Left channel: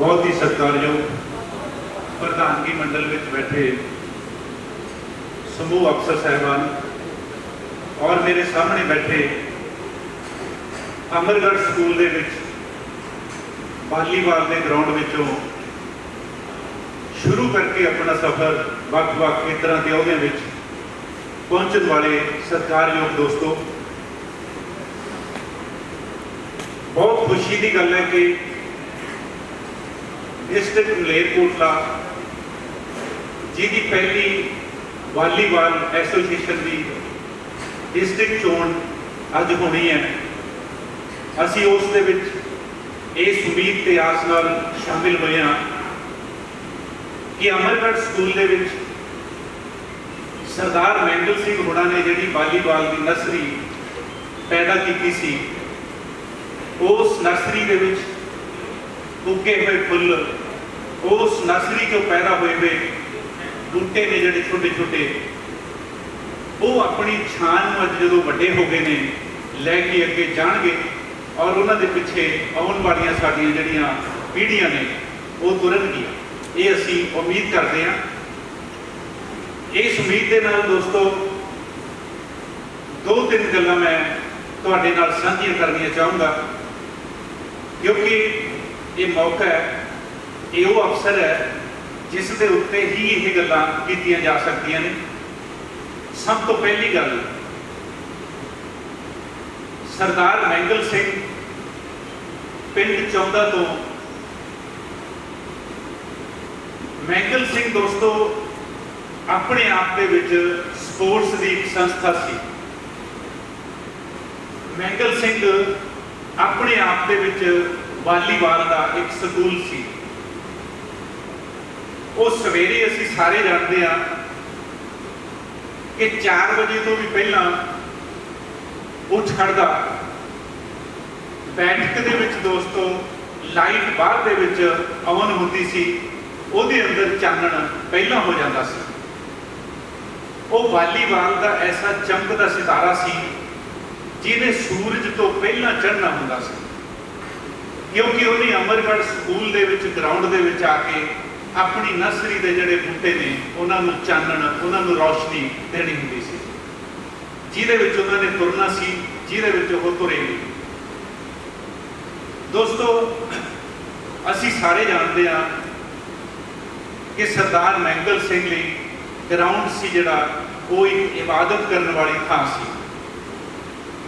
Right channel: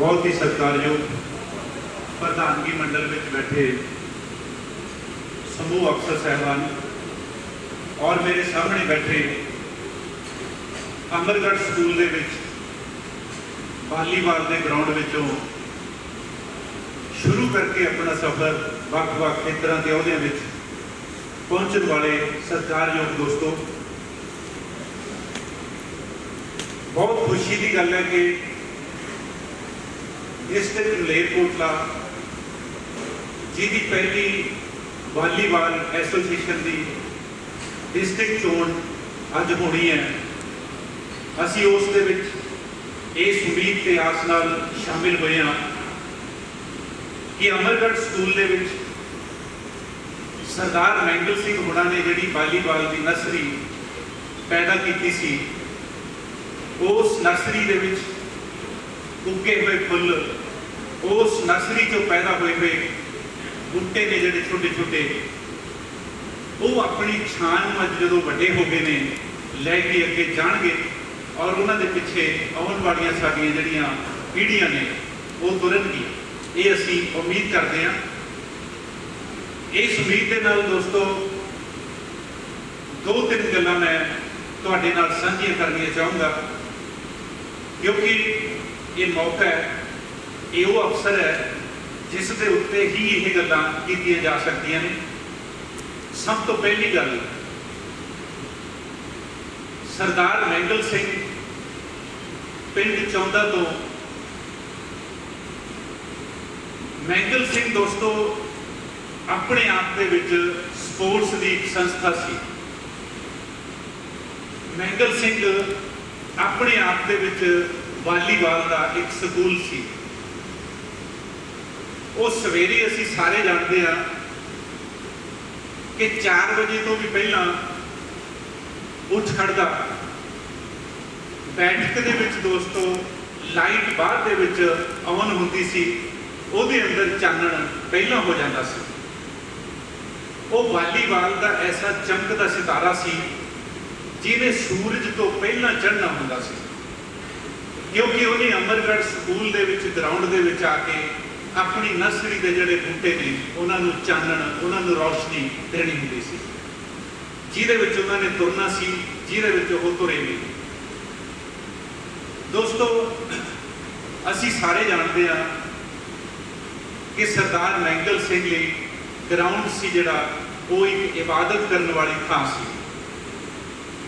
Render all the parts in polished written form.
बहुत ही सत्कारयोग प्रधानगी मंडल में बैठे समूह अफसर साहबान और मेरे सामने बैठे अमरगढ़ स्कूल दे विच वालीबाल के ग्राउंड विचों शुरू करके अपना सफर वक्-वक् खेतरां के अहुदियां विच पहुंचने वाले सत्कारयोग दोस्तों, बहुत खुशी की गल है कि डिस्ट्रिक्ट मलेरकोटला जिहदी पहली वालीबाल एसोसीएशन की डिस्ट्रिक्ट चोण अज होनी है, असी उस दे विच इस उम्मीद ते आस नाल शामिल होए हां कि अमरगढ़ स्कूल दे विच सरदार मैंगल सिंह होना ने जिहड़ी वालीबाल की नर्सरी पैदा की सी, उस नर्सरी दे विच उगे हुए फुल, उस नर्सरी चो पैदा हुए बूटे ने जिहड़े छोटे छोटे, वो अपनी छान अज जो वड्डे हो गए ने लैके अगे जाणगे और उन्होंने पिछे आने वाली साडियां जिहड़ियां पीढ़ियां ने वो तुरनगी, ये असी उम्मीद करते हैं। इस उम्मीद के नाल दोस्तों दो तीन गल्लां मैं तुहाडे नाल साझियां करनियां चाहूँगा, क्योंकि ये मौका है, ये वो अवसर है जिस दे उत्ते ही ये गल्लां कीतियां जा सकदियां ने। सब तो पहली गल, सरदार मैंगल सिंह पिंड चौंदा तो मैंगल सिंह दोस्तों अपने आप दे विच स्पोर्ट्स की एक संस्था सी। मैंगल सिंह अपने आप दे विच वालीबाल का एक स्कूल सी। वो सवेरे असी सारे जानते हैं कि 4 बजे तो भी पहला उठ खड़दा, बैठक दे विच दोस्तों लाइट बाहर दे विच ऑन होती सी, उहदे अंदर चानण पहला हो जाता सी। वो वालीबाल का ऐसा चमकदा सितारा सी जिन्हें सूरज तो पहला चढ़ना हुंदा सी, क्योंकि उन्हें अमरगढ़ स्कूल दे विच ग्राउंड दे विच आके अपनी नर्सरी के जोड़े बूटे ने उन्होंने चानण, उन्होंने रोशनी देनी होंदी सी, जिहदे विच उन्होंने तुरना सी, जिहदे विच वो तुरे भी। दोस्तों असी सारे जानते हैं कि सरदार मैंगल सिंह लई ग्राउंड सी जिहड़ा वो एक इबादत करने वाली थां सी।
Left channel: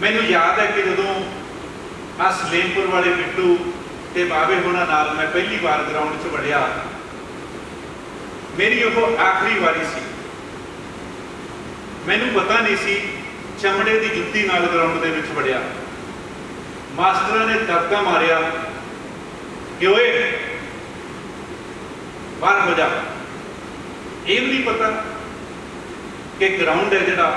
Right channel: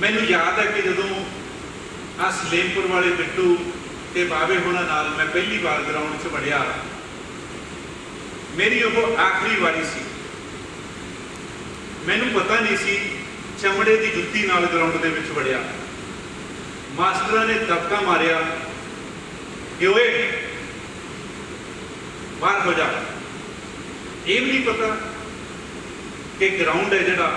मैनूं याद है कि जदों आ सलेमपुर वाले बिट्टू ते बाबे होना नाल मैं पहली बार ग्राउंड च वड़िया, मेरी वो आखिरी वारी सी। मैनूं पता नहीं सी, चमड़े की जुत्ती नाल ग्राउंड दे विच वड़िया, मास्टर ने दबका मारिया कि ओए बाहर हो जा। ये भी नहीं पता कि ग्राउंड है जिहड़ा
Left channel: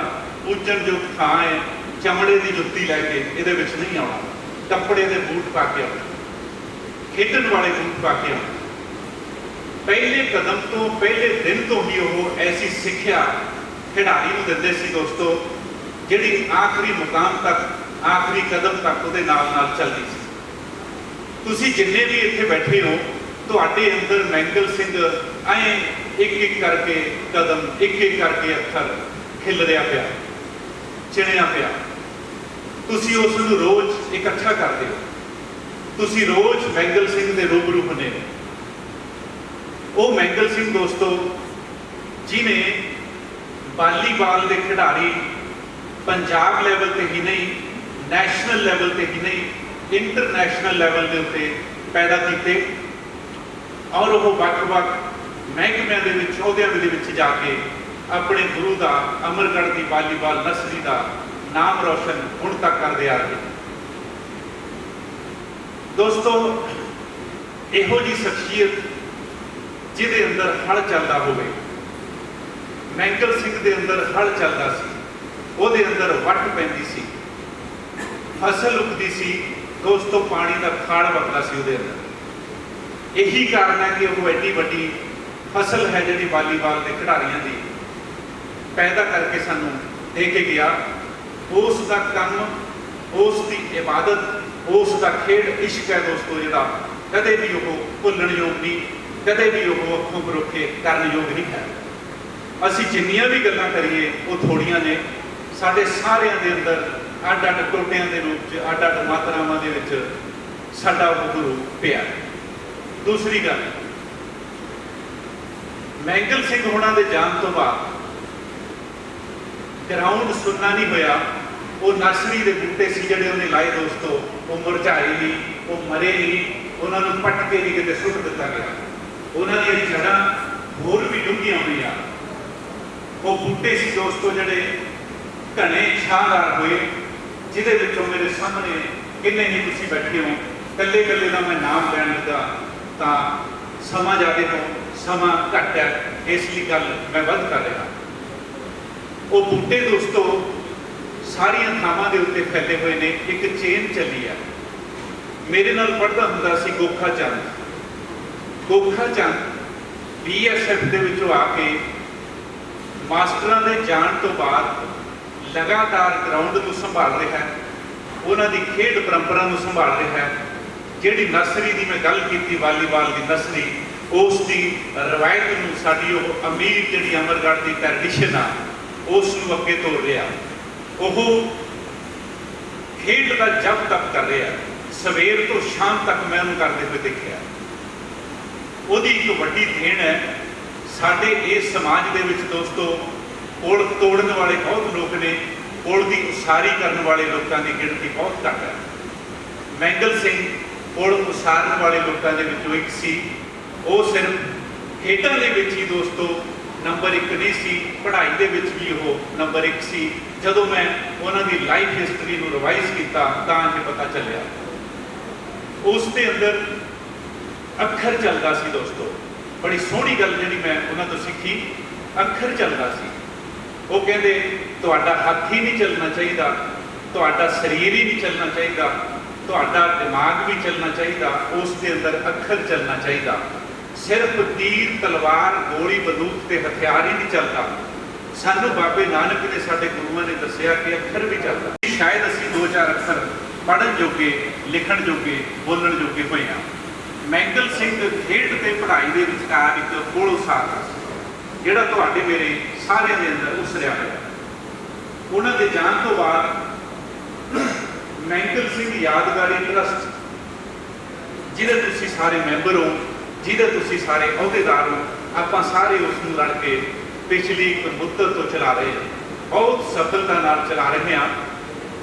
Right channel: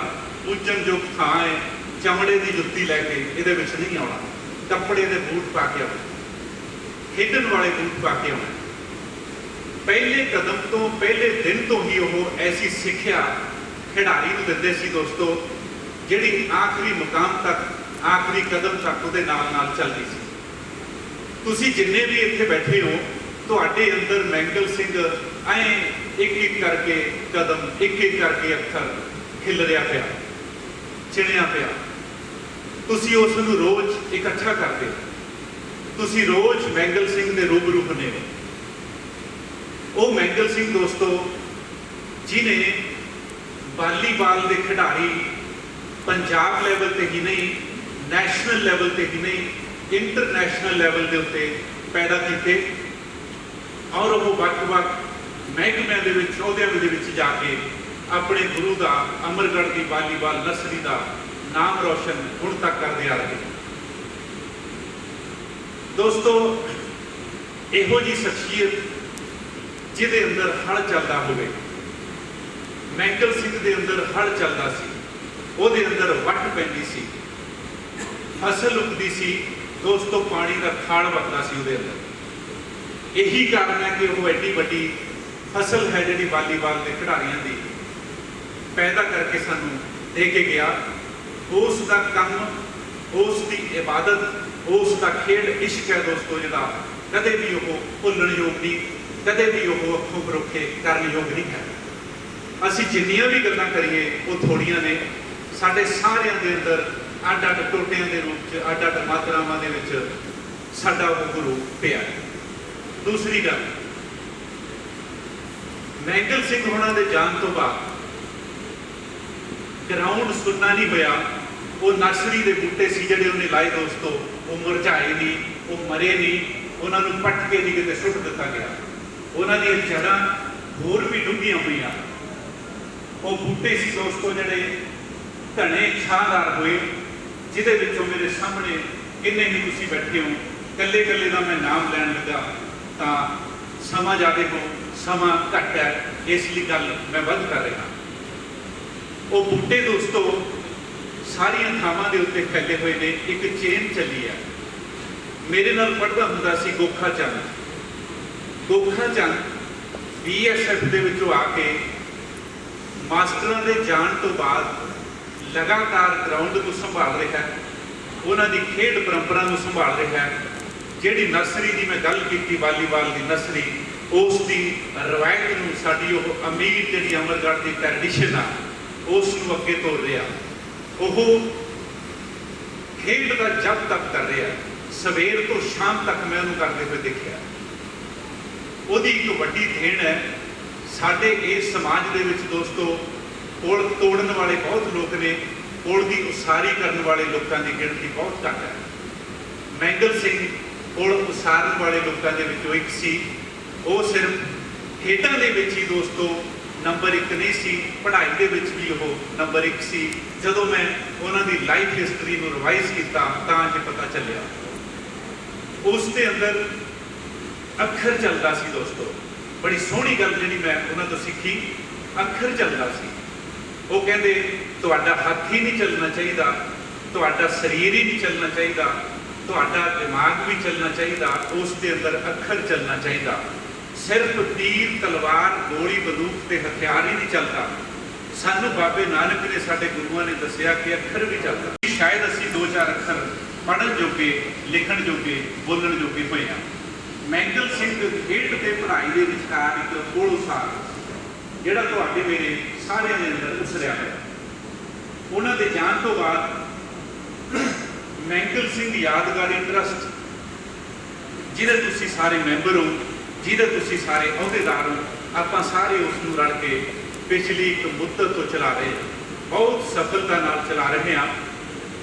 पूजन जो थां है, चमड़े की जुत्ती लैके ये नहीं आना, कपड़े के बूट पा के आना, खेडन वाले बूट पा के आना। पहले कदम तो पहले दिन तो ही वो ऐसी सिक्ख्या खिडारी को दिंदे सी दोस्तों, जिहड़ी आखिरी मुकाम तक, आखिरी कदम तक उहदे नाल नाल चलदी सी। तुसीं जिन्ने भी इत्थे बैठे हो, तुहाडे अंदर मैंगल सिंह ऐ एक करके कदम, एक करके अक्षर खिलरिया पिया, चिणिया पिया। तुसीं उस नूं रोज़ इकट्ठा करते हो, तुसीं रोज़ मैंगल सिंह दे रूबरू हुंदे हो। वो मैंगल सिंह दोस्तों जिन्हें वालीबाल के खिडारी पंजाब लैवल ते ही नहीं, नैशनल लैवल ते ही नहीं, इंटरनैशनल लैवल के उत्ते पैदा किए, और वो वक्-वक् महकमिਆਂ ਦੇ ਵਿੱਚ ਅਹੁਦਿਆਂ ਦੇ ਵਿੱਚ ਜਾ ਕੇ अपने गुरु का अमरगढ़ की वालीबाल नर्सरी का नाम रोशन हुण तक करते आ रहे। दोस्तों इहो जी शख्सियत जिहदे अंदर हल चलता होवे, मैंगल सिंह दे अंदर हल चलता सी, उहदे अंदर वट पैंदी सी, फसल उगदी सी दोस्तों, पानी का खाड़ वगदा सी उहदे अंदर। यही कारण है कि वो एड्डी वड्डी फसल है जिहड़ी वालीबाल के खिडारियों की पैदा करके सानू दे के गया। उसका काम, उसकी इबादत, उसका खेड इश्क है दोस्तों, जिहड़ा कदे भी वो भुल्लण योग नहीं, कदे भी वो अखों परोखे करन योग नहीं है। असीं जिन्नियां भी गल्लां करिए वो थोड़ियां ने, साडे सारिਆਂ ਦੇ अंदर ਅੱਡ ਅੱਡ ਟੋਟਿਆਂ ਦੇ रूप च ਅੱਡ ਅੱਡ मात्रावां ਦੇ ਵਿੱਚ साडा वो गुरु पिया। दूसरी गल, मैंगल सिंह होना दे जान तो बाद ग्राउंड सुनना नहीं होया। वो नर्सरी के बूटे से जोड़े उन्हें लाए दोस्तों, वो मुरझाए नहीं, वो मरे नहीं, उन्होंने पटके नहीं कितने सुट दिता गया। उन्होंने जड़ा होर भी डूंघियां हुई, वो बूटे से दोस्तों जोड़े घने छादार हुए, जिदे विचों मेरे सामने किन्ने ही तुसीं बैठे हो, कल्ले कल्ले का मैं नाम लैन लगा तो समा ज़्यादा हो, समा घट है, इसलिए गल मैं वध कर रहा। वो बूटे दोस्तों सारिया थावां दे उत्ते फैले हुए ने, एक चेन चली है। मेरे नाल पढ़दा हुंदा सी गोखा चंद। गोखा चंद BSF दे विचों आके मास्टरां दे जाण तो बाद लगातार ग्राउंड को संभाल रहा है, उन्होंने खेड परंपरा को संभाल रहा है। जिहड़ी नर्सरी की मैं गल की, वालीबाल की नर्सरी, उसकी रवायत में साड़ी अमीर जी अमरगढ़ की ट्रैडिशन आ, उसको अगे तोड़ रहा। वो खेड का जब तक कर रहा, सवेर तो शाम तक मैं उन्होंने करते हुए देखा। वो एक वड्डी देन है साडे इस समाज दे विच दोस्तों। पुल तोड़न वाले बहुत लोग ने, पुल की उसारी करने वाले लोगों की गिनती बहुत घट है। मैंगल सिंह पुल उसारन वाले लोगों के विचों एक सी। वो सिर्फ खेडों के विच ही दोस्तों नंबर 1 नहीं सी, पढ़ाई के विच भी वो नंबर 1 सी। जदों मैं उन्होंने लाइफ हिस्टरी को रिवाइज किया तो ये पता चलिया उसके अंदर अखर चलता सी दोस्तों। बड़ी सोहनी गल जी मैं उन्होंने तो सीखी, अखर चलता सी। वो कहते तुहाडा हथ ही नहीं चलना चाहिए, तुहाडा शरीर ही नहीं चलना चाहिए, तुहाडा दिमाग भी चलना चाहिए, उसके अंदर अखर चलना चाहिए। सिर्फ तीर तलवार गोली बंदूक के हथियार ही नहीं चलता। सानू बाबे नानक ने साडे गुरुआं ने दसिया कि अखर भी चलता। शायद असीं 2-4 अखर पढ़न जोगे, लिखण जोगे, बोलण जोगे होए हां। मैंगल सिंह खेड ते पढ़ाई दे विचकार एक पुल उसार जिहड़ा तुहाडे मेरे सारे दे अंदर उसरिया है। उन्हां दे जाण तो बाद मैंगल सिंह यादगारी ट्रस्ट, जिहदे तुसीं सारे मैंबर हो, जिहदे तुसीं सारे अहुदेदार हो, आपां सारे उसनूं रल के पिछली एक मुद्दत तो चला रहे, बहुत सफलता नाल चला रहे हैं।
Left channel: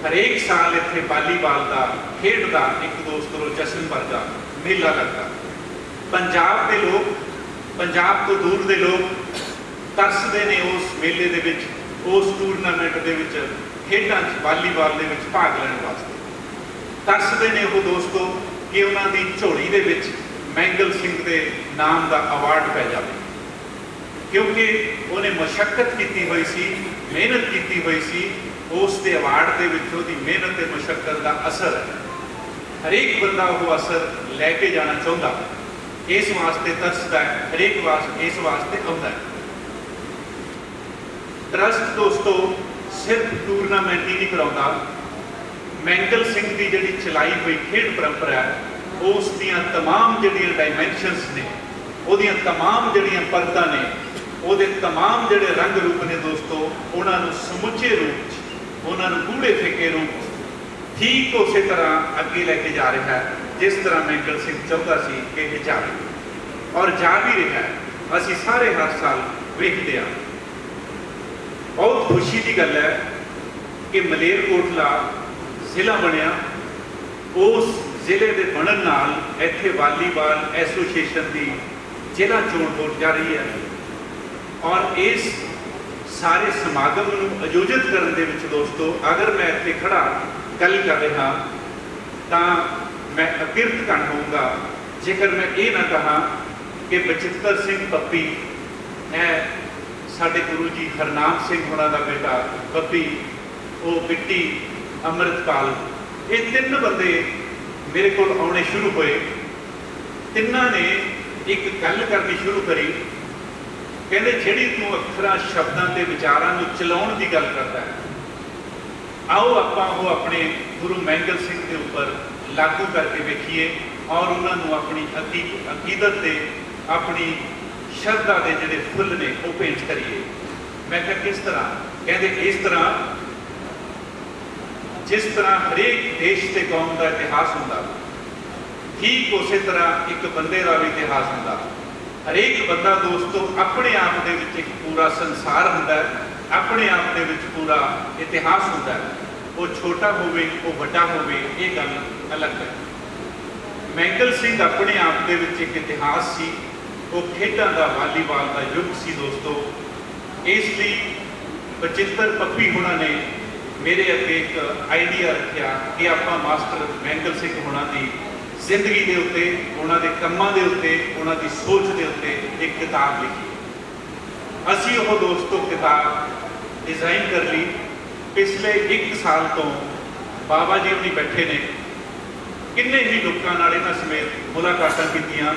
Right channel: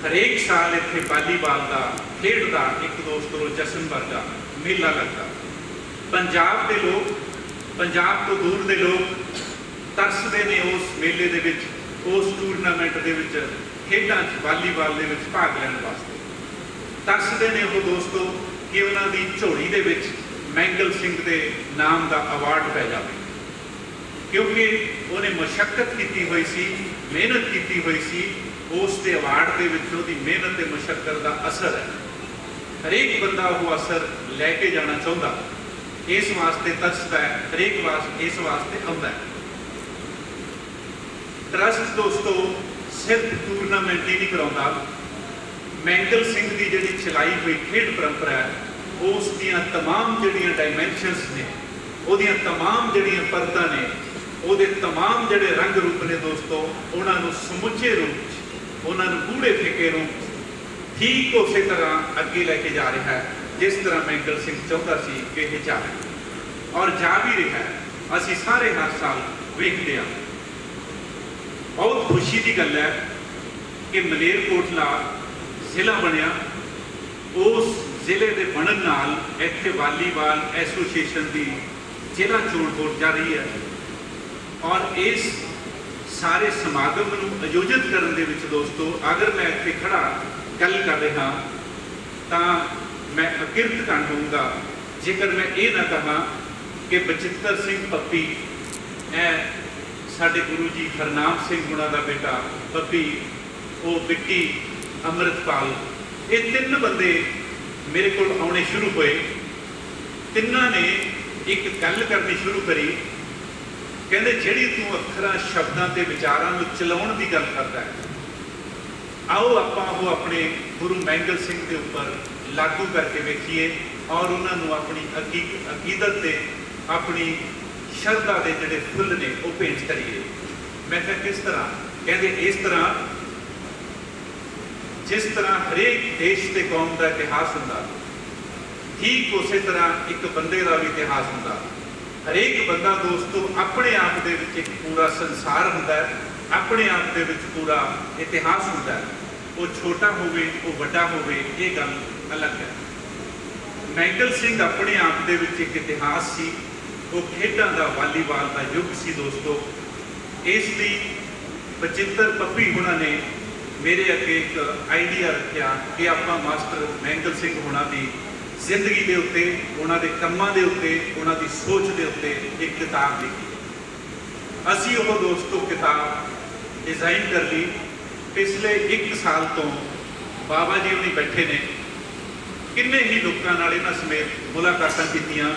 हरेक साल इत्थे वालीबाल का खेड का एक दोस्तों जश्न वर्गा मेला लगता। पंजाब के लोग, पंजाब तो दूर के लोग तरसते ने उस मेले दे विच, उस टूरनामेंट दे विच, खेडां वालीबाल दे विच भाग लैण वास्ते तरसते ने वो दोस्तों कि उन्होंने झोली दे विच मैंगल सिंह के नाम का अवार्ड पै जाए, क्योंकि उन्हें मशक्कत की हुई सी, मेहनत की हुई सी। उसके अवार्ड के विच उहदी मेहनत ते मशक्कत का असर है। हरेक बंदा वो असर लैके जाना चाहता, इस वास्ते तरसदा है, हरेक इस वास्ते आउंदा है। ट्रस्ट दोस्तों सिर्फ टूरनामेंट ही नहीं कराउंदा, मैंगल सिंह की जिहड़ी चलाई हुई खेड परंपरा है उस दियां तमाम जिहड़ियां डायमेंशनस ने, उहदियां तमाम जिहड़ियां परतां ने, उहदे तमाम जिहड़े रंग रूप ने दोस्तों, उन्होंने समुचे रूप उन्होंने गूढ़े फिके रूप ठीक उस तरह अगे लैके जा रहा है जिस तरह मैंगल सिंह चाहता सी कि यह जाए, और जा भी रहा है। असीं सारे हर साल वेखदे हां। बहुत खुशी की गल है कि मलेरकोटला जिला बनया, उस जिले के बनन नाल इत्थे वालीबाल एसोसीएशन की जिला चोण हो जा रही है। और इस सारे समागम को आयोजित करने के विच दोस्तों अगर मैं इत्थे खड़ा गल कर रहा तो मैं अकिरत कण होऊंगा जेकर मैं ये ना कहा कि बचित्तर सिंह पप्पी साडे गुरु जी हरनाम सिंह होना का बेटा पप्पी, वो बिट्टी, अमृतपाल, ये 3 बंदे मेरे को आने शुरू हुए। तिन्ना ने एक गल करनी शुरू करी, कहते जिहड़ी तू अखरां शब्दां ते विचारां नूं चलाउण दी गल करदा है, आओ आपां वो अपने गुरु मैंगल सिंह के ऊपर लागू करके वेखिए और उन्होंने अपनी अकीदत से अपनी श्रद्धा के जोड़े फुल ने वो भेंट करिए। मैं क्या किस तरह कहते इस तरह जिस तरह हरेक देश के कौम का इतिहास होंदा ठीक उस तरह एक बंदे का भी इतिहास होंदा। हरेक बंदा दोस्तों अपने आप दे विच एक पूरा संसार होंदा है, अपने आप दे विच पूरा इतिहास होंदा है। वो छोटा होवे वो बड़ा होवे ये गल अलग है। मैंगल सिंह अपने आप दे विच एक इतिहास सी, वो खेडां दा वालीबाल का युग सी दोस्तों। इसलिए बचित्र पप्पी होना ने मेरे अगे एक आइडिया रखा कि आप मास्टर मैंगल सिंह होना की जिंदगी के उत्ते उन्होंने कामों के उत्ते उन्होंने सोच के उत्ते एक किताब लिखी। असी वो दोस्तों किताब डिजाइन कर ली। पिछले 1 साल तो बाबा जी उन्हीं बैठे ने किन्ने ही लोगों नाल इन्हां समेत मुलाकातां कीतियां,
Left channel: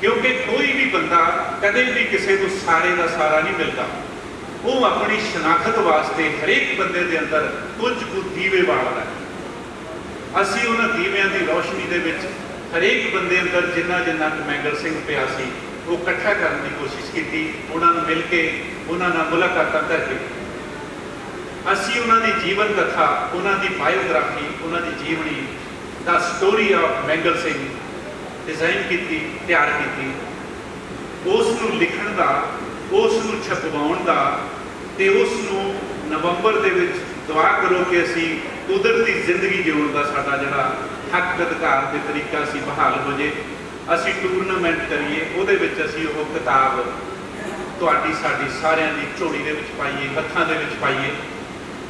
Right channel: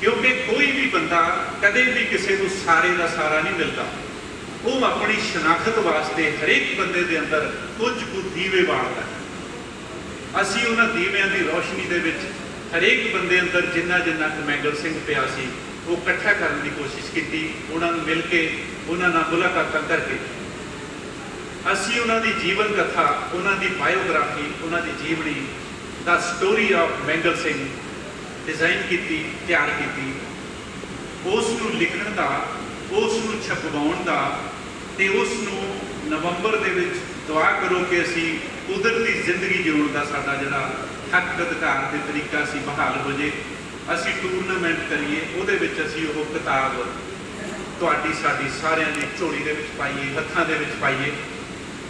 क्योंकि कोई भी बंदा कदे भी किसी को सारे का सारा नहीं मिलता। वो अपनी शनाख्त वास्ते हरेक बंदे के अंदर कुछ दीवे बालदा है। असी उन्हां दीवियां की रोशनी दे विच हरेक बंदे अंदर जिन्ना जिन्ना मैंगल सिंह पिया सी वो इकट्ठा करने की कोशिश की। उन्होंने मिल के उन्होंने मुलाकातां करके असी उन्होंने जीवन कथा, उन्होंने बायोग्राफी, उन्होंने जीवनी the story of mangle Singh design की, तैयार की। उसनूं लिखण दा, उसनूं छपवाउण दा ते उसनूं नवंबर दे विच दुआ करो कि असी कुदरती जिंदगी जीवन का साडा जिहड़ा हक अधिकार के तरीका सी बहाल हो जाए। असी टूरनामेंट करिए, उहदे विच असी वो किताब तुहाडी साडी सारिਆਂ ਦੀ ਝੋਲੀ ਦੇ ਵਿੱਚ पाइए, हत्थां दे ਵਿੱਚ पाइए।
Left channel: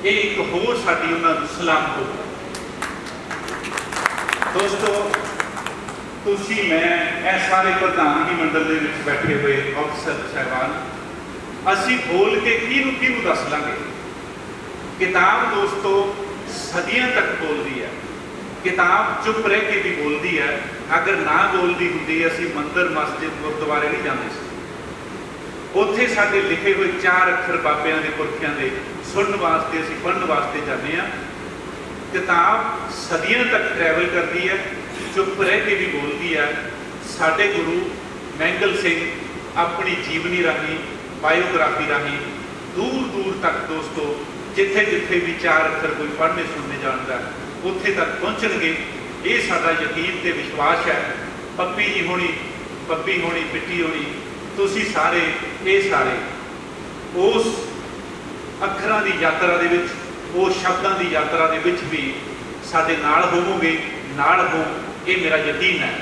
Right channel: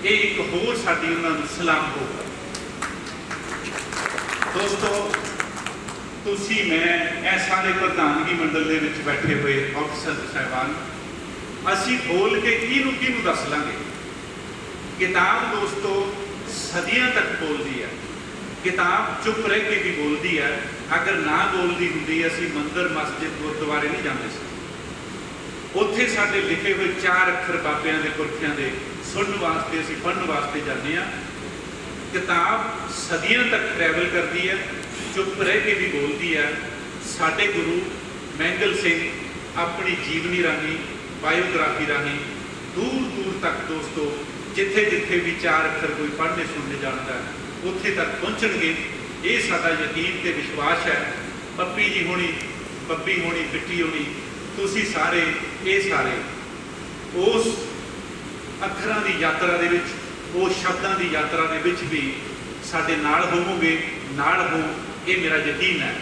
ये एक होर साडी उन्हां नूं सलाम होगा। दोस्तों तुसी मैं ए सारे प्रधानगी मंडल दे विच बैठे हुए अफसर साहिबान असी बोल के किहनूं दस लांगे। किताब दोस्तों सदियां तक बोलती है। किताब चुप रह के भी बोलती है। अगर ना बोलती होंदी असी मंदिर मस्जिद गुरुद्वारे नहीं जाते सी। उत्थे साडे लिखे हुए 4 अक्षर बाबियां दे पुरखियां दे सुनने वास्ते असी पढ़ने वास्ते जाते हैं। किताब सदियों तक ट्रैवल करती है, चुप रह के भी बोलती है। साडे गुरु मैंगल सिंह अपनी जीवनी राही, बायोग्राफी राही दूर दूर तक दोस्तों जिथे जिथे भी 4 अक्षर कोई पढ़ने सुनने जाता उत्थे तक पहुँचणगे। ये साडा यकीन ते विश्वास है। पप्पी जी होनी, पप्पी होनी, बिट्टी होनी, तुसी सारे ये सारे उस अखरां की यात्रा दे विच, उस शब्दां की यात्रा दे विच भी साडे नाल होवोगे, नाल हो, ये मेरा यकीन है।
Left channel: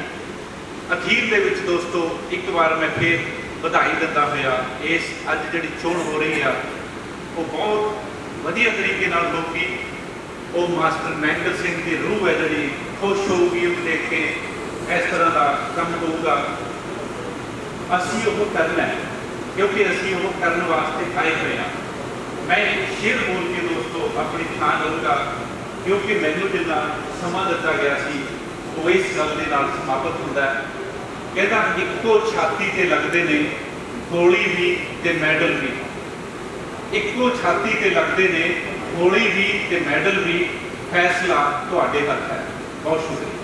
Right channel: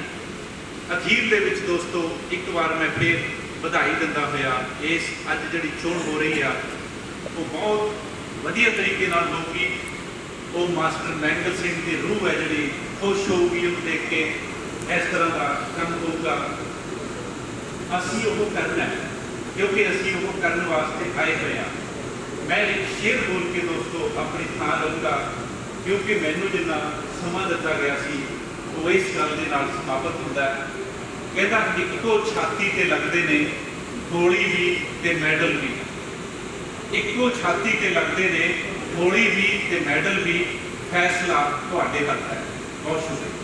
अखीर दे विच दोस्तों एक बार मैं फिर बधाई दिंदा होया इस अज जिहड़ी चोण हो रही है वो बहुत वधिया तरीके नाल लोकी वो मास्टर मैंगल सिंह की रूह है जिहड़ी खुश होगी उस देख के इस तरह का काम होगा। असी वो करना है क्योंकि असी वो करने वास्ते आए हुए हैं। मैं एक शेर बोल के दोस्तों अपनी थां लूँगा क्योंकि मैनू जिन्ना समा दिता गया सी वो इस गल के नाल समाप्त होता है। कहता इक्को छाती ते लगते ने गोली भी ते मैडल भी, इक्को छाती ते लगते ने गोली भी ते मैडल भी, फैसला तुहाडे हत्थ है। बहुत शुक्रिया।